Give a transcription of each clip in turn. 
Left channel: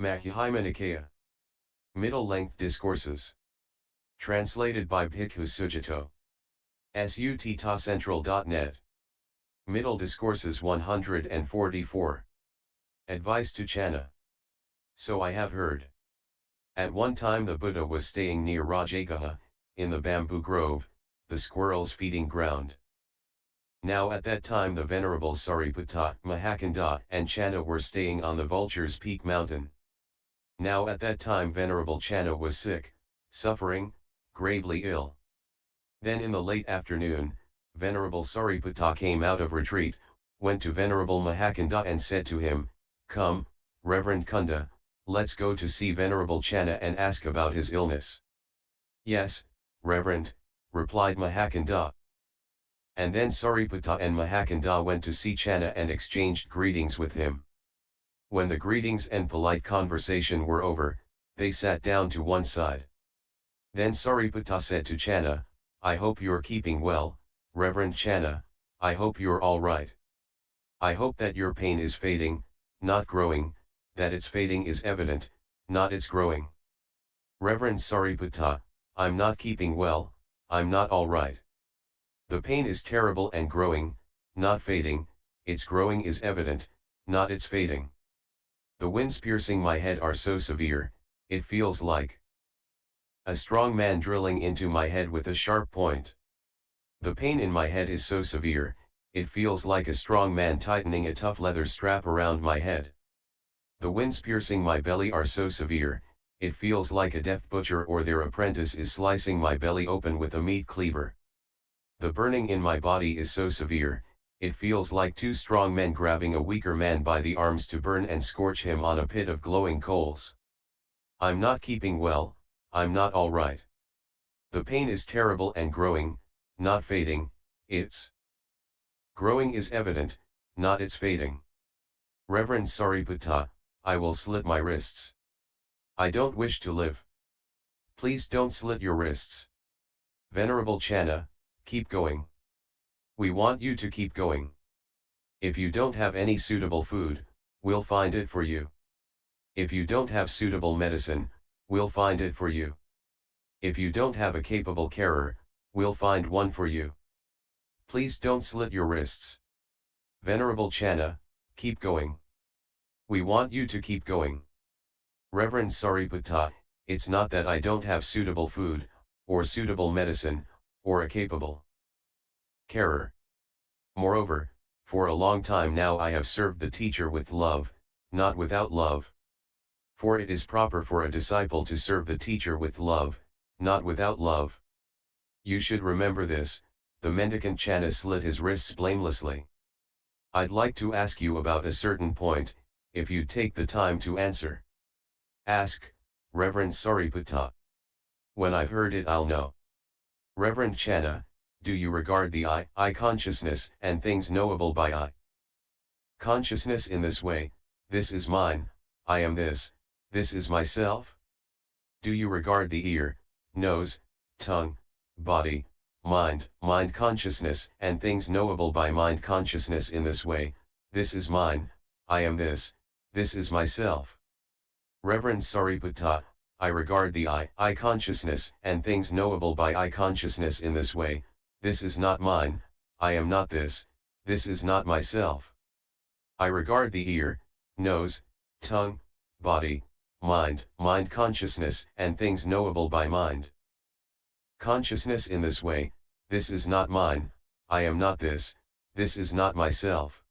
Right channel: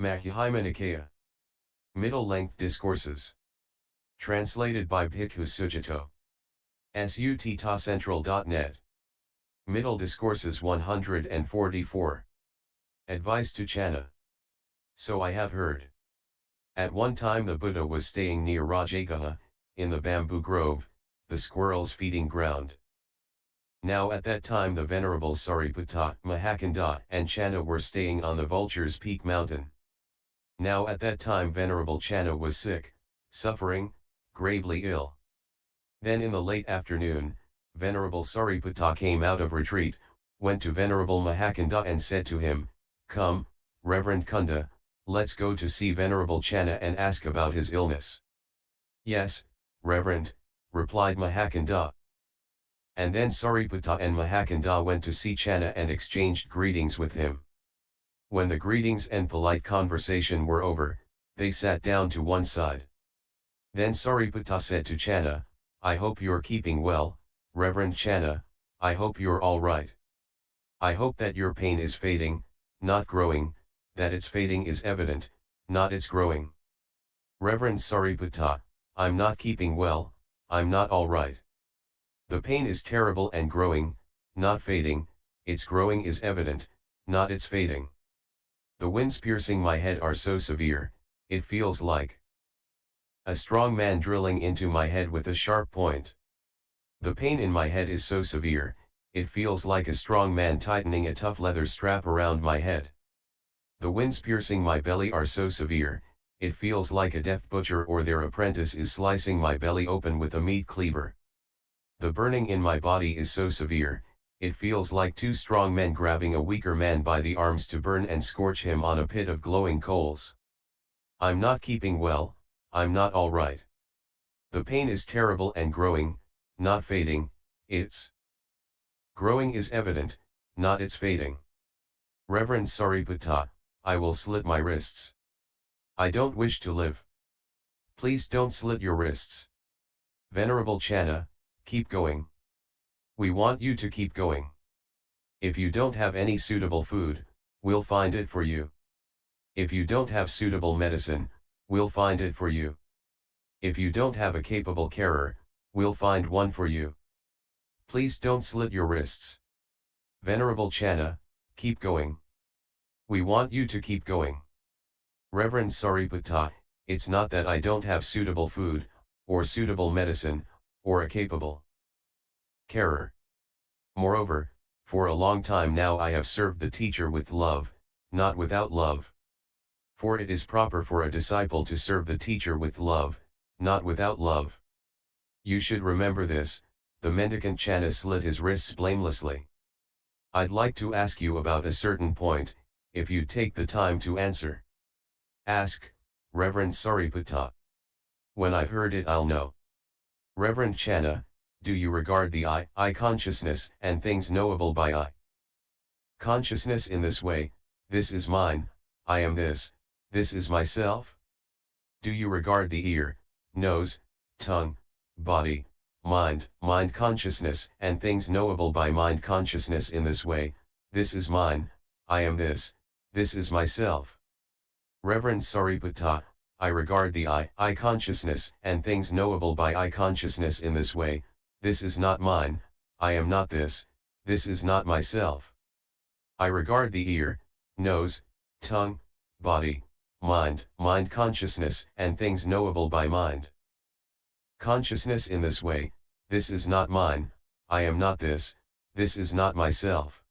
Majjhima Nikaya. Middle-length discourses. Translated by Bhikkhu Sujato. sutta.central.net. Middle Discourses 144. Advice to Channa. So I have heard. At one time the Buddha was staying near Rajagaha, in the bamboo grove, the squirrels' feeding ground. Now at that time the Venerables Sariputta, Mahacunda and Channa were staying on the Vulture's Peak mountain. Now at that time Venerable Channa was sick, suffering, gravely ill. Then in the late afternoon, Venerable Sariputta came out of retreat, went to Venerable Mahacunda and said to him, "Come, Reverend Kunda, let's go to see Venerable Channa and ask about his illness." "Yes, Reverend," replied Mahacunda. And then Sariputta and Mahacunda went to see Channa and exchanged greetings with him. When the greetings and polite conversation were over, they sat down to one side. Then Sariputta said to Channa, "I hope you're keeping well, Reverend Channa, I hope you're all right. I hope that your pain is fading, not growing, that its fading is evident, not its growing." "Reverend Sariputta, I'm not keeping well, I'm not all right. The pain is terrible and growing, not fading, its growing is evident, not its fading. The winds piercing my head are so severe, it feels like a strong man drilling into my head with a sharp point. The pain in my head is so severe, it feels like a strong man tightening a tough leather strap around my head. The winds piercing my belly are so severe, it feels like a deft butcher or their apprentice is slicing my belly open with a meat cleaver. The burning in my body is so severe, it feels like two strong men grabbing a weaker man by the arms to burn and scorch him on a pit of glowing coals. I'm not keeping well, I'm not all right. The pain is terrible and growing, not fading, its growing is evident, not its fading. Reverend Sariputta, I will slit my wrists. I don't wish to live. Please don't slit your wrists. Venerable Channa, keep going. We want you to keep going. If you don't have any suitable food, we'll find it for you. If you don't have suitable medicine, we'll find it for you. If you don't have a capable carer, we'll find one for you. Please don't slit your wrists. Venerable Channa, keep going. We want you to keep going. Reverend Sariputta, it's not that I don't have suitable food, or suitable medicine, or a capable carer. Moreover, for a long time now I have served the teacher with love, not without love. For it is proper for a disciple to serve the teacher with love, not without love. You should remember this." The mendicant Channa slit his wrists blamelessly. "I'd like to ask you about a certain point, if you'd take the time to answer." "Ask, Reverend Sariputta. When I've heard it I'll know." Reverend Channa, do you regard the I consciousness and things knowable by I consciousness in this way, this is mine, I am this is myself? Do you regard the ear, nose, tongue, body, mind consciousness and things knowable by mind consciousness in this way, this is mine, I am this is myself? Reverend Sariputta, I regard the I consciousness and things knowable by I consciousness in this way, this is not mine, I am not this is not myself. I regard the ear, nose, tongue, body, mind consciousness and things knowable by mind consciousness in this way, this is not mine, I am not this is not myself.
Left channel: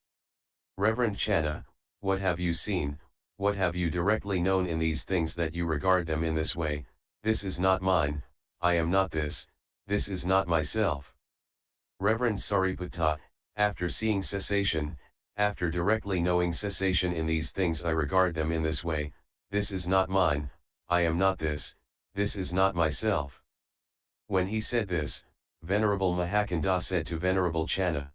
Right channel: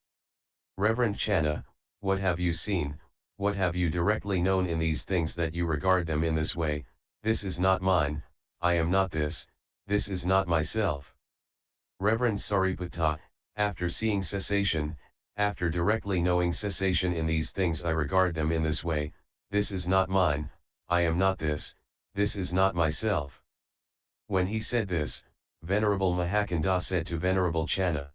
Reverend Channa, what have you seen, what have you directly known in these things that you regard them in this way, this is not mine, I am not this is not myself? Reverend Sariputta, after seeing cessation, after directly knowing cessation in these things I regard them in this way, this is not mine, I am not this is not myself. When he said this, Venerable Mahacunda said to Venerable Channa,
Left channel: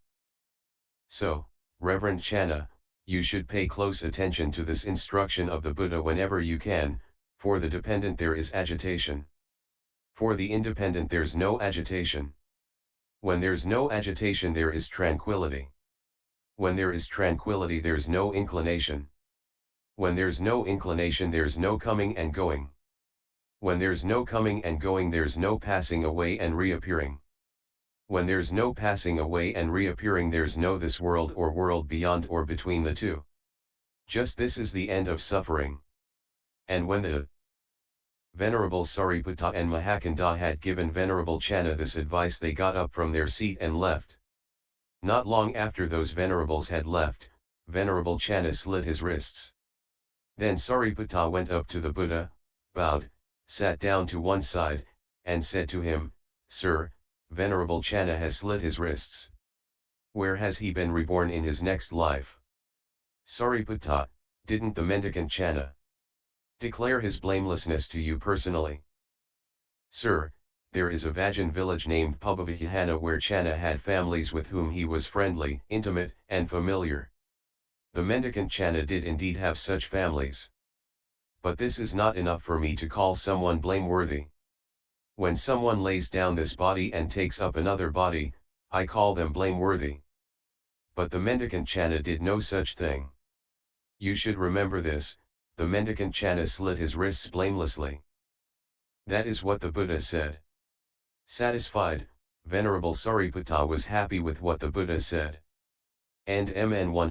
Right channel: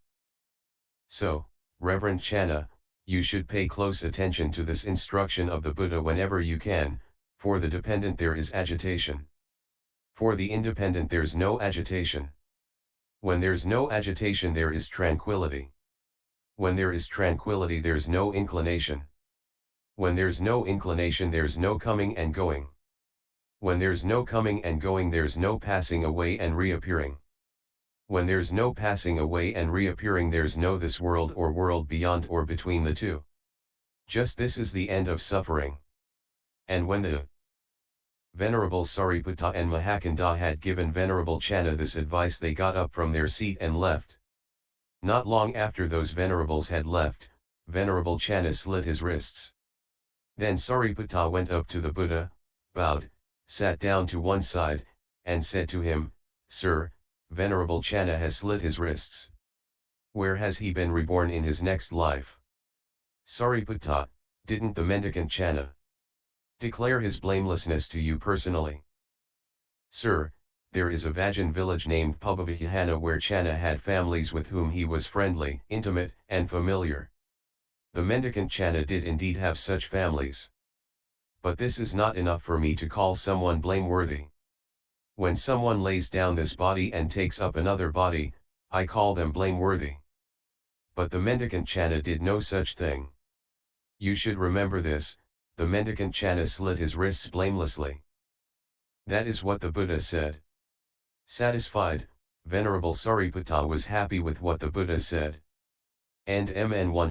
"So, Reverend Channa, you should pay close attention to this instruction of the Buddha whenever you can, for the dependent there is agitation. For the independent there's no agitation. When there's no agitation there is tranquility. When there is tranquility there's no inclination. When there's no inclination there's no coming and going. When there's no coming and going there's no passing away and reappearing. When there's no passing away and reappearing there's no this world or world beyond or between the two. Just this is the end of suffering. And when the Venerable Sariputta and Mahacunda had given Venerable Channa this advice, they got up from their seat and left. Not long after those venerables had left, Venerable Channa slit his wrists. Then Sariputta went up to the Buddha, bowed, sat down to one side, and said to him, "Sir, Venerable Channa has slit his wrists. Where has he been reborn in his next life?" Sariputta, "Didn't the mendicant Channa declare his blamelessness to you personally?" "Sir, there is a Vajan village named Pubavihana where Channa had families with whom he was friendly, intimate, and familiar. The mendicant Channa did indeed have such families. But this is not enough for me to call someone blameworthy. When someone lays down this body and takes up another body, I call them blameworthy. But the mendicant Channa did no such thing. You should remember this, the mendicant Channa slit his wrists blamelessly." That is what the Buddha said. Satisfied, Venerable Sariputta was happy with what the Buddha said. And Mn 1